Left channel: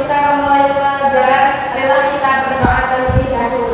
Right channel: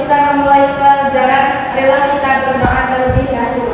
kita memulai pelajaran, marilah kita berdoa terlebih dahulu.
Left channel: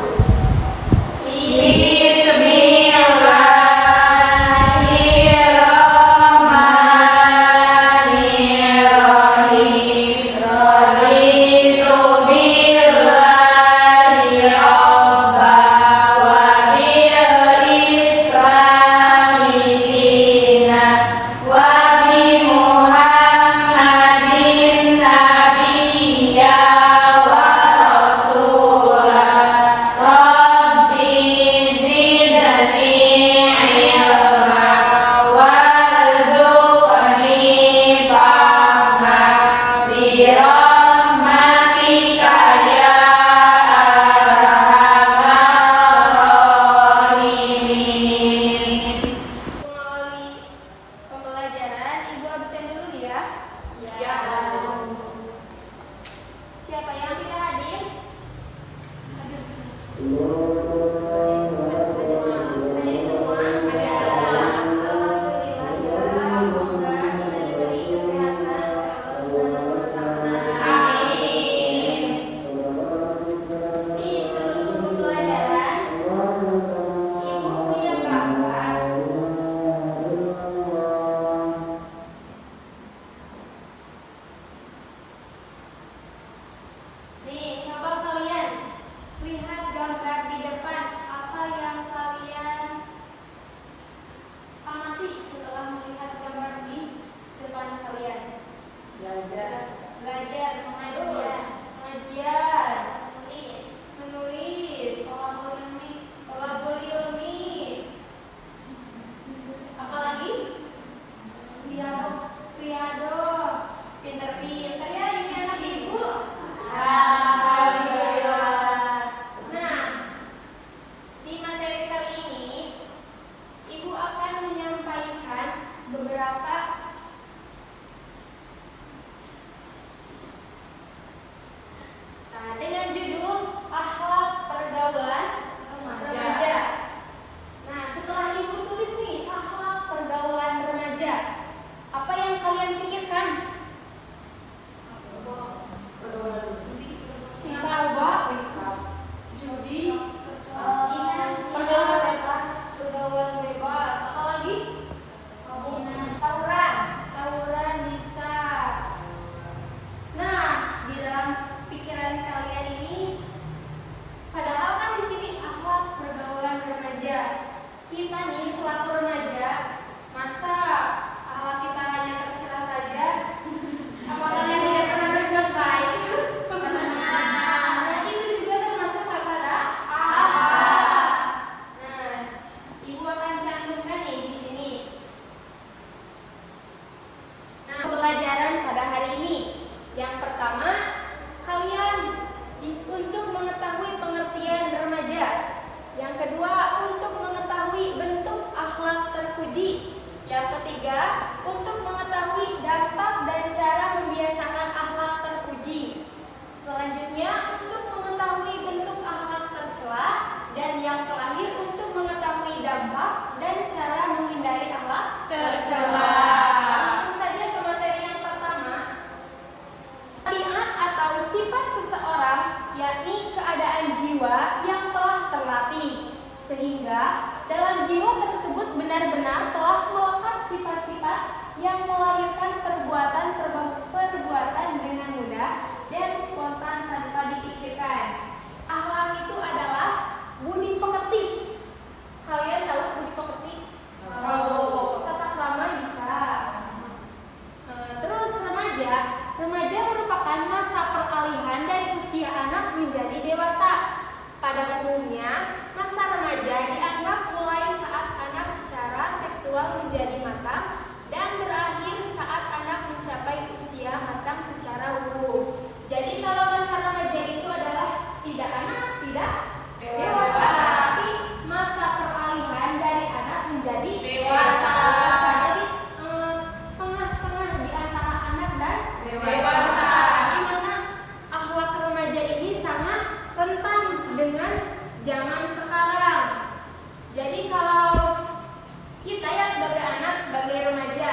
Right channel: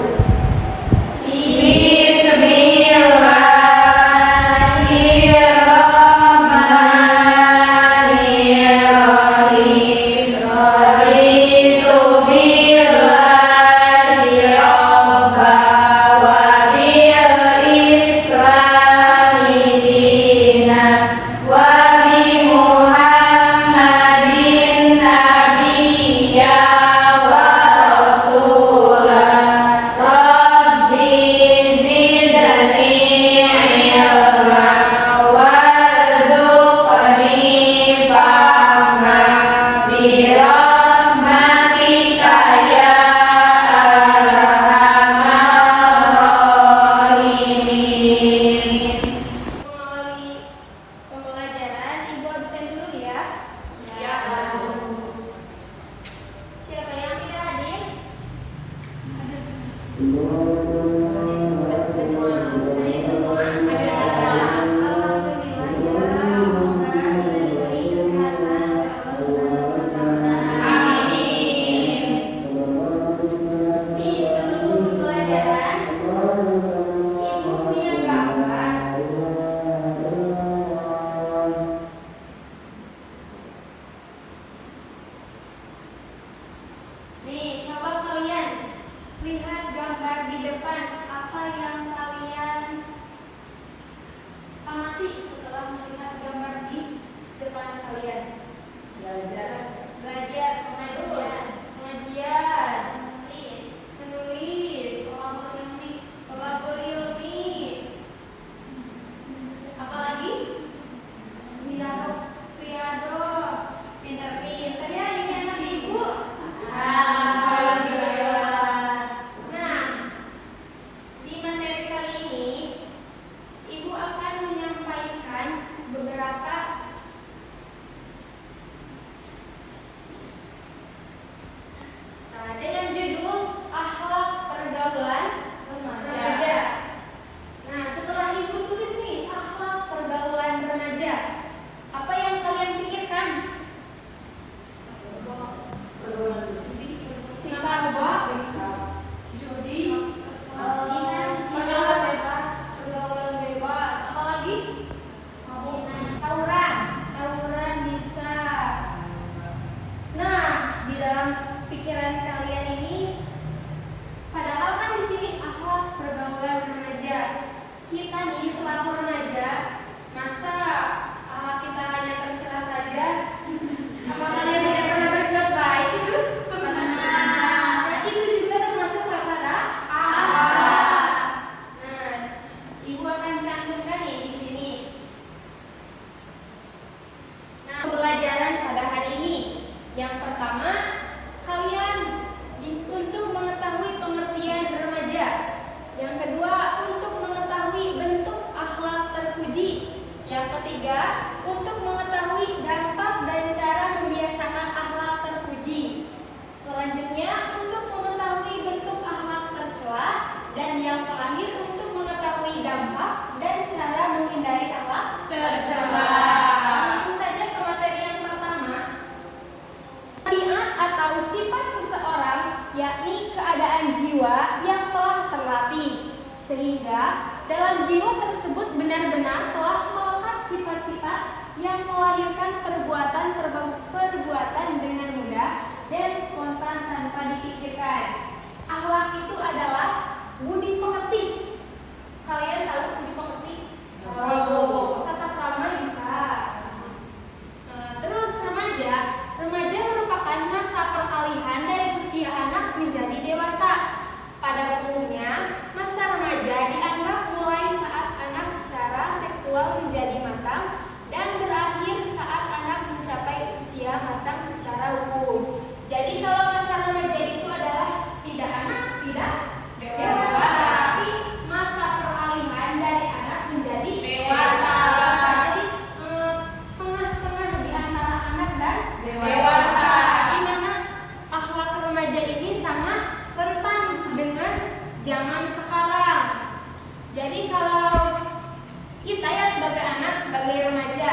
Untuk mengetahui dampak dan cara membiasakan akhlak terpuji. Selanjutnya, untuk mengetahui bentuk akhlak tercela. Dan yang terakhir, untuk mengetahui dampak dan cara menghindari akhlak tercela. Langsung saja ke materi yang pertama. Tabiat atau sifat seseorang, yakni keadaan jiwa yang telah terlatih, sehingga dalam jiwa tersebut benar-benar telah melekat sifat-sifat yang melahirkan perbuatan dengan mudah dan spontan tanpa dipikirkan. Akhlak itu adalah budi pekerti. Kalian tahu budi pekerti? Tata krama bisa. Terus remaja. Remaja merupakan masa peralihan dari usia anak menjadi dewasa. Pada umumnya, masa remaja dianggap mulai saat anak secara seksual menjadi matang dan berakhir saat anak mencapai usia matang secara hukum. Jadi kalau masa remaja itu adalah tidak anak, tidak dewasa, tapi masa peralihan dari anak menjadi dewasa. Jadi tengah-tengah di antara anak dan dewasa. Di mana akhlak remaja ini sangat rentan dengan zaman sekarang. Jadi kalau kita ya sebagai anak, sebagai remaja,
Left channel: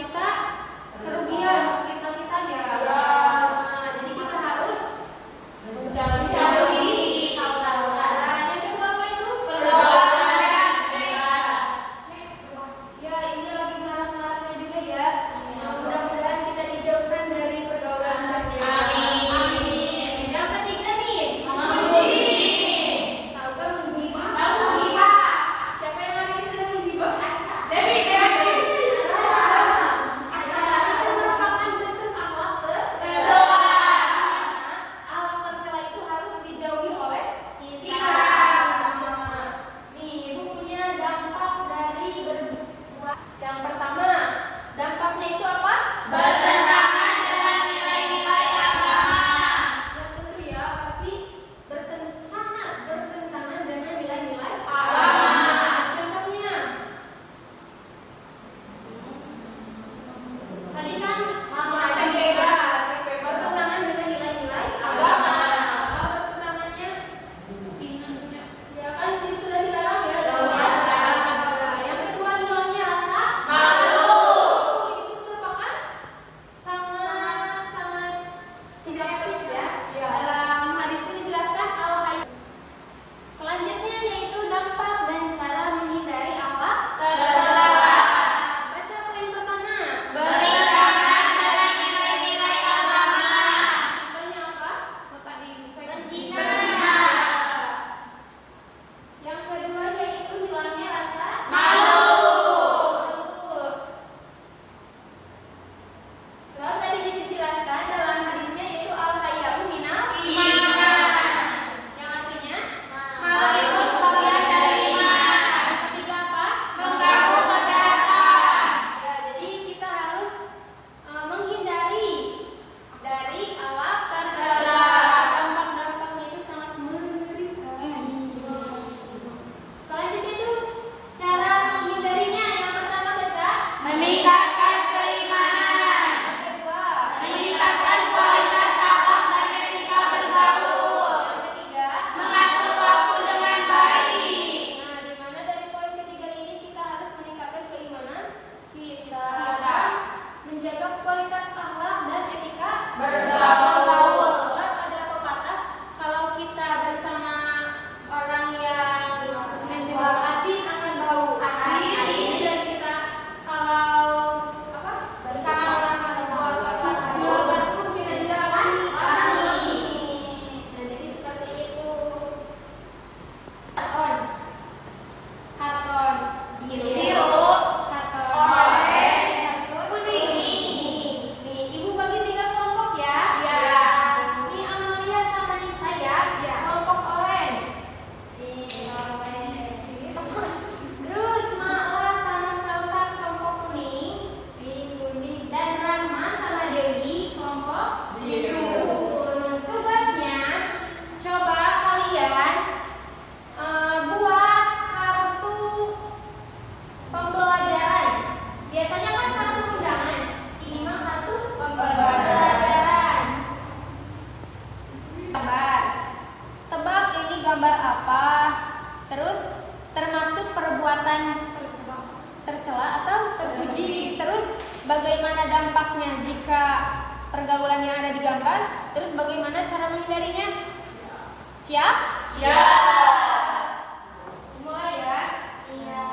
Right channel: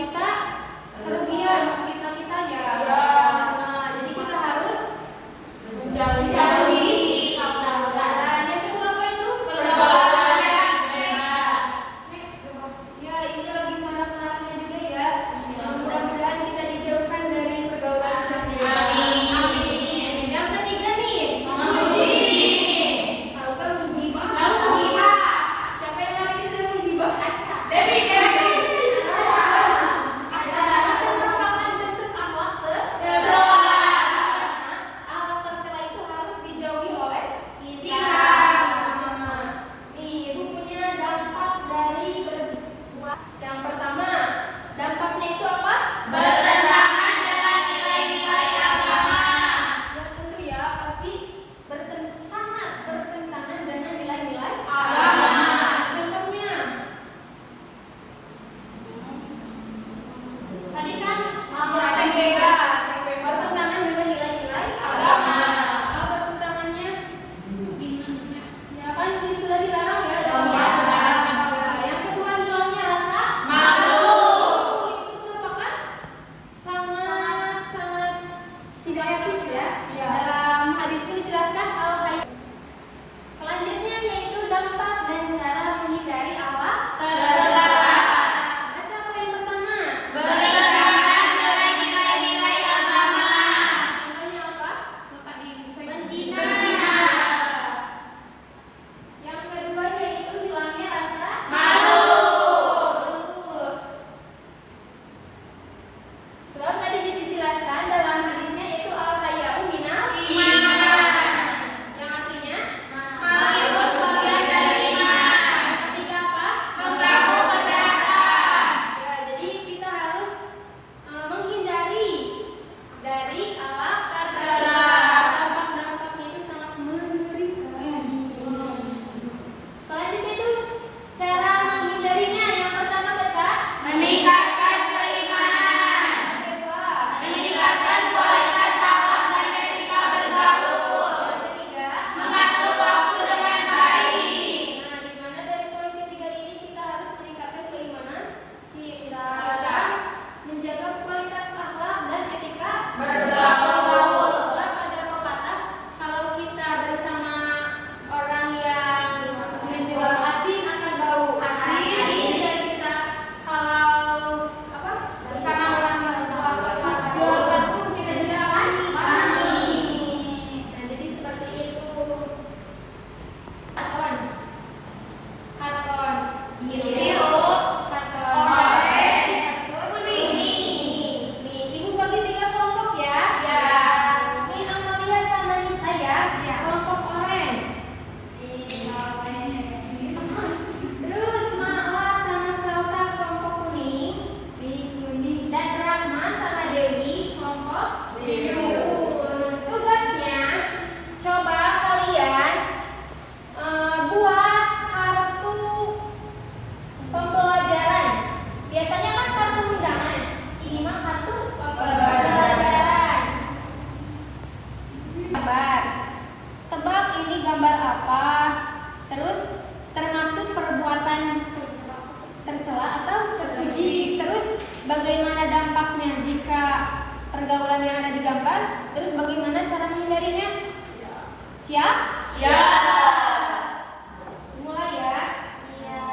kita kerugian, sakit-sakitan ya. Nah, jadi kita harus menjauhi pergaulan. Yang kedua apa itu? Pergaulan bebas. Ya, ini lagi marak-maraknya juga ya. Mudah-mudahan kita dijauhkan dari pergaulan bebas. Amin. Yang ketiga nih, tahu kan menggibah? Tahu menggibah? Siapa yang lagi sudah menggibah? Devi. Yang pertama, dampaknya itu apa? Bertentangan dengan nilai-nilai agama. Ya tentu ya, pasti sangat bertentangan dengan nilai-nilai agama. Contohnya, tadi kan seks bebas, bertentangan dengan nilai-nilai agama. Apa bertentangannya? Zina. Ya kan sudah dilarang ya. Yang kedua, nilainya rasa malu. Itu merupakan sangat tidak etis ya. Dalam hadis itu dijelaskan al-hayy. Selanjutnya yaitu dampak dan cara menghindari apa? Tercela. Baca apa yang pertama? Bertentangan dengan nilai-nilai agama. Contohnya apa? Berzina. Yang kedua yaitu hilangnya rasa malu. Betul. Sebab tadi dijelaskan dalam hadisnya yaitu al-haya'u minal iman. Yang artinya itu sebagian dari iman. Yang ketiga apa? Mengganggu masyarakat. Ya, jadi kita harus menghindari dari alat tercela. Dampak-dampaknya itu sangat mengerikan. Selanjutnya itu cara menghindarinya. Yang pertama baca meningkatkan keimanan. Yang kedua meningkatkan kualitas akhlak dan etika bergaul. Yang ketiga mengatur waktu dengan baik. Nah, di mana dari poin ketiga ini kita harus meningkatkan keimanan, kita menjaga kualitas akhlak dan etika bergaul. Sebab ada pepatah, kalau kita bersama orang yang menjual asin akan bau asin, dan kita kalau bersama orang yang menjual batu kita juga akan wangi. Nah, jadi seperti itu. Karton biru, karton oranye, karton kuning. Nih, ibu bagi 3 kelompok ya. Nih Amalia sama saya kelompok oranye. Terus Ma'la sama Salsa kelompok kuning, dan Rahma sama Dewi kelompok biru. Tugasnya coba kalian buat kartu pembelajaran. Biasanya kan kartu undangan, ini mah kartu pembelajaran. Gambar. Tebak ini gambar apa? Terus termasuk perbuatan tercela atau terpuji. Terus bagaimana dampaknya jika pergaulan yang ada di gambar? Terus bagaimana cara menghindarinya? Siap? Siap. Mulai ya. Iya.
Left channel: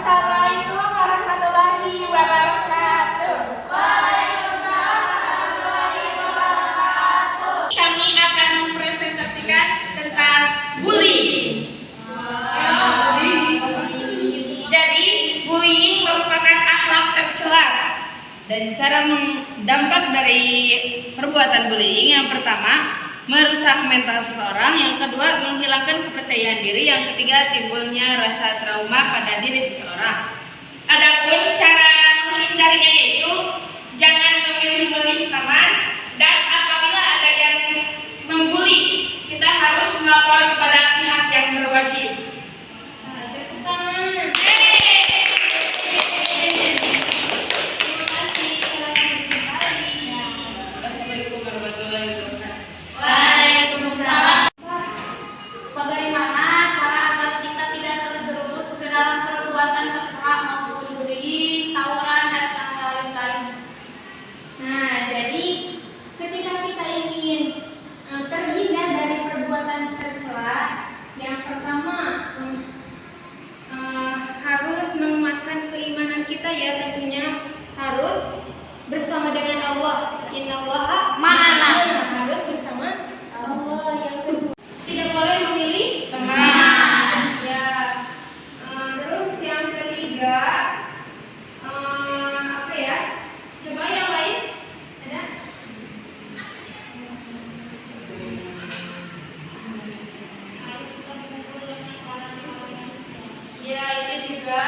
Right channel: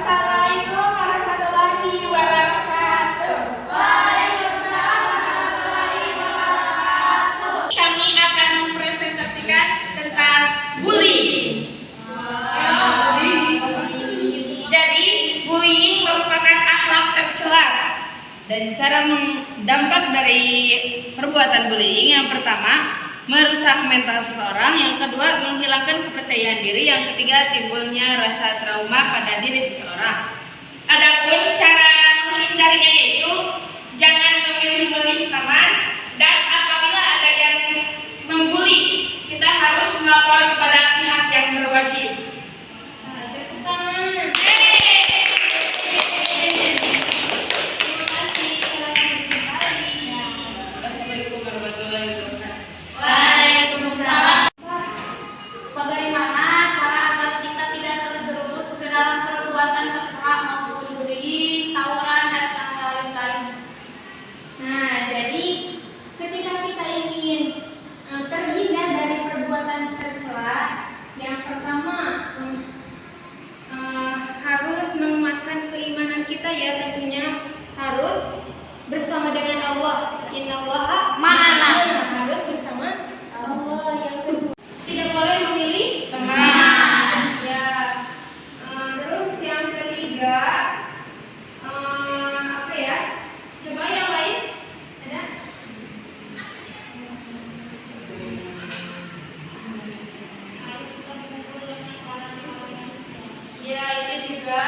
Assalamualaikum warahmatullahi wabarakatuh. Waalaikumsalam warahmatullahi wabarakatuh. Kami akan mempresentasikan tentang bullying. Jadi, bullying merupakan akhlak tercela. Dan cara dampak dari perbuatan bullying yang pertama merusak mental seseorang, yang kedua menghilangkan kepercayaan diri, yang ketiga timbulnya rasa trauma pada diri seseorang. Adapun cara menghindarinya yaitu jangan memilih-milih teman, dan apabila ada yang membuli, kita harus melapor kepada pihak yang berwajib. Tepuk tangan. Assalamualaikum warahmatullahi wabarakatuh. Waalaikumsalam. Bagaimana cara agar kita tidak terjerumus ke dalam perbuatan tercela maupun bullying, tawuran, dan lain-lain? Nah, jadi ketika kita ingin terhindar dari perbuatan tercela, yang pertama harus menguatkan keimanan kita, ya tentunya harus bersama dengan Allah. Innallaha ma'ana. Harus bersama Allah. Yang kedua, tidak boleh memilih teman. Ya. Terus yang ketiga, apa ya? Coba yang lain. Ada? Ya, itu juga